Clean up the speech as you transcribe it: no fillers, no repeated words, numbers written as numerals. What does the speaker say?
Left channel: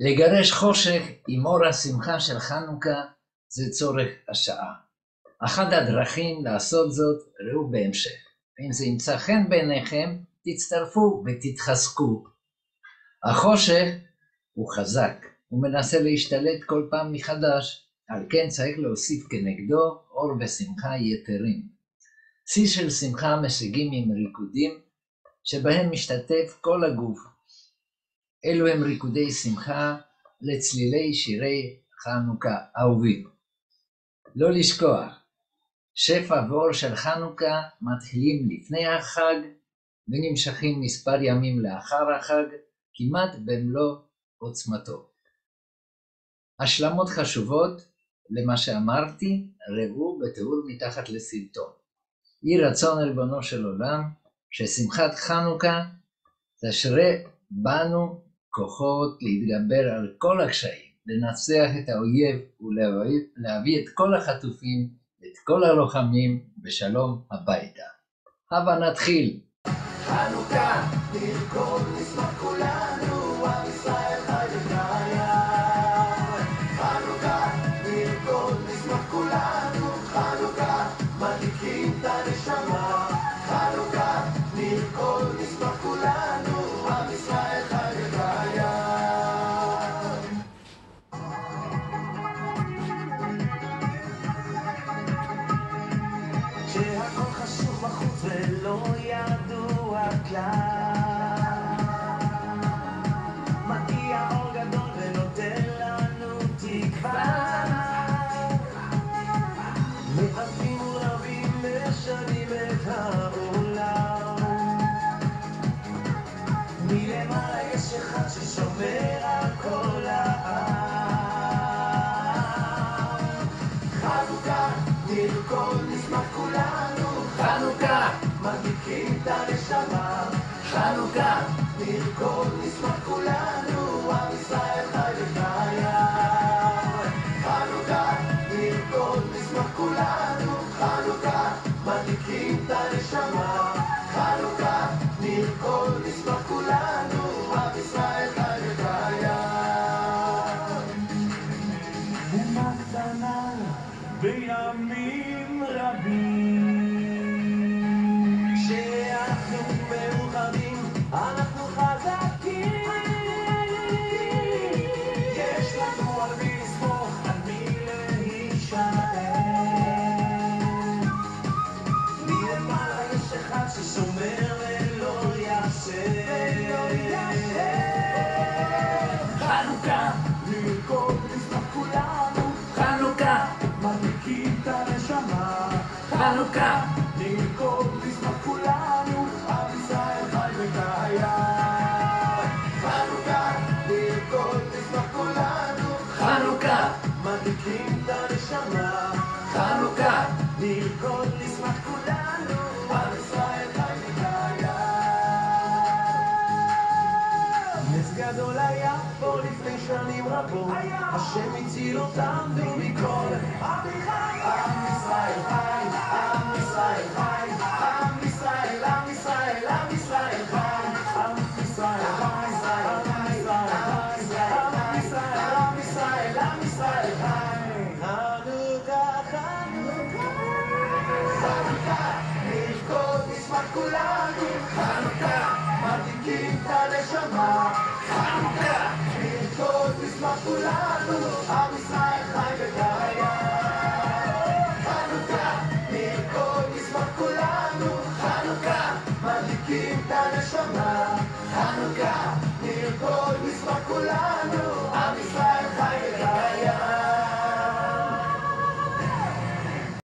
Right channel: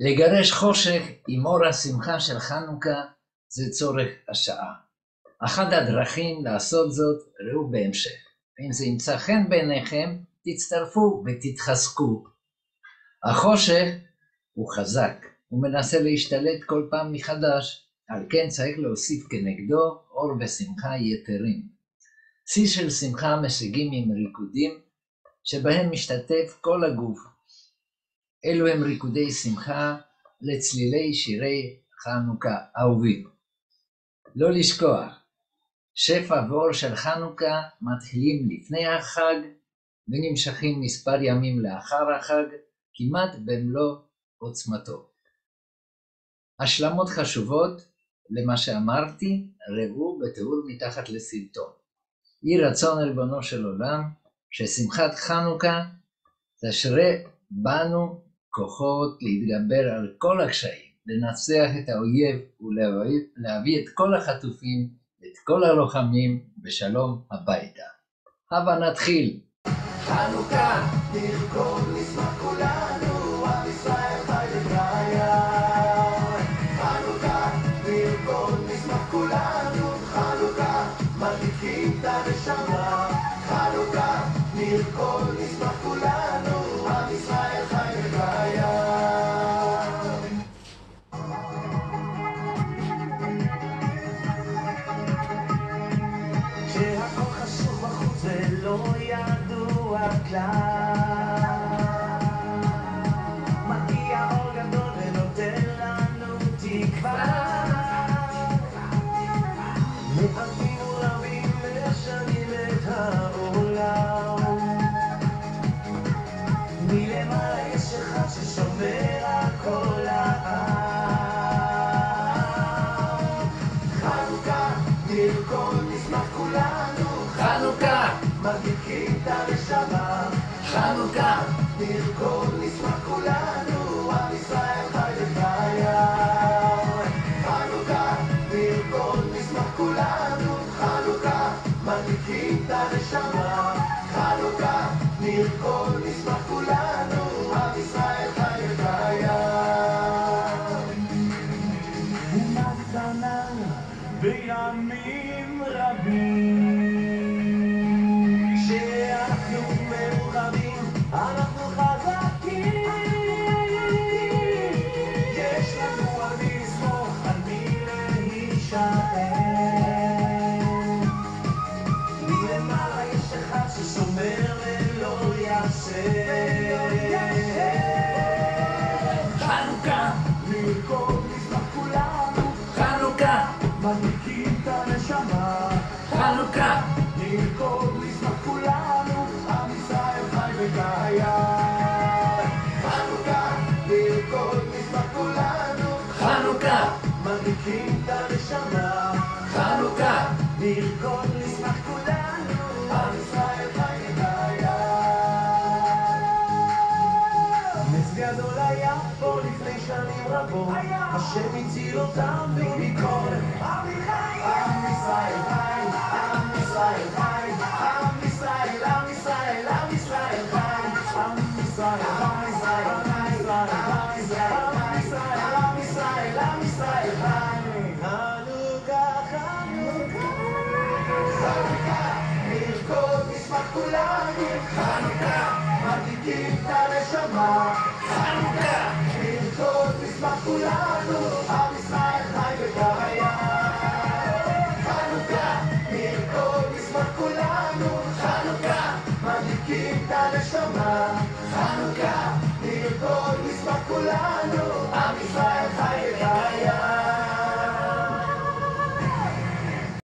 לגרש חושך עם אור השמחה של חנוכה זה צורך השעה. אחת הדרכים לעשות זאת ראו בהמשך. אם זה ימצא חן בעיניכם, תצטרפו ותתחזקו. החושך הוא חזק, הוא מנסה להשתלט כל פעם מחדש, על כן צריך להוסיף כנגדו אור ושמחה יתרים. שיא של שמחה משיגים עם ריקודים שבהם משתתף כל הגוף. אלו הם ריקודי שמחה לצלילי שירי חנוכה אהובים. לא לשכוח, שפע ואור של חנוכה מתחילים לפני החג ונמשכים מספר ימים לאחר החג, כמעט במלוא עוצמתו. השלמות חשובות למה שאמרתי ראו בתיאור מתחת לסרטון. יהי רצון ריבונו של עולם ששמחת חנוכה תשרה בנו כוחות להתגבר על כל הקשיים, לנצח את האויב ולהביא את כל החטופים, את כל הלוחמים בשלום הביתה. הבה נתחיל. חנוכה, נרקוד נשמח כולנו, עם ישראל חי וקיים. חנוכה, נרקוד נשמח כולנו, חנוכה, מדליקים את הנשמה. חנוכה, נרקוד נשמח כולנו, עם ישראל חי וקיים. כשהכל חשוך בחוץ ולא ידוע כלל, מגיע אור גדול ונותן לנו תקווה. מעטים ורבים משנים את העולם, מלמעלה יש אחד ששומר על כל העם. חנוכה, נרקוד נשמח כולנו, חנוכה, מדליקים את הנשמה. חנוכה, נרקוד נשמח כולנו, עם ישראל חי וקיים. חנוכה, נרקוד נשמח כולנו, חנוכה, מדליקים את הנשמה. חנוכה, נרקוד נשמח כולנו, עם ישראל חי וקיים. אומה קטנה בימים רבים, כשאנחנו מאוחדים אנחנו חזקים. יש לנו על מי לסמוך, על מי להישען. מלמעלה יש אחד ששומר ולא ישן. חנוכה, נרקוד נשמח כולנו, חנוכה, מדליקים את הנשמה. חנוכה, נרקוד נשמח כולנו, עם ישראל חי וקיים. חנוכה, נרקוד נשמח כולנו, חנוכה, מדליקים את הנשמה. חנוכה, נרקוד נשמח כולנו, עם ישראל חי וקיים. נס גדול היה פה לפני שנים רבות, השם הציל אותם מביקורת. עם ישראל חי, עם ישראל חי, עם ישראל, עם ישראל, עם ישראל חי, עם ישראל חי, עם ישראל חי, עם ישראל, עם ישראל, עם ישראל חי. חנוכה, חנוכה, חנוכה, נרקוד נשמח כולנו, חנוכה, מדליקים את הנשמה. חנוכה, נרקוד נשמח כולנו, עם ישראל חי וקיים. חנוכה, נרקוד נשמח כולנו, חנוכה, מדליקים את הנשמה. חנוכה, נרקוד נשמח כולנו,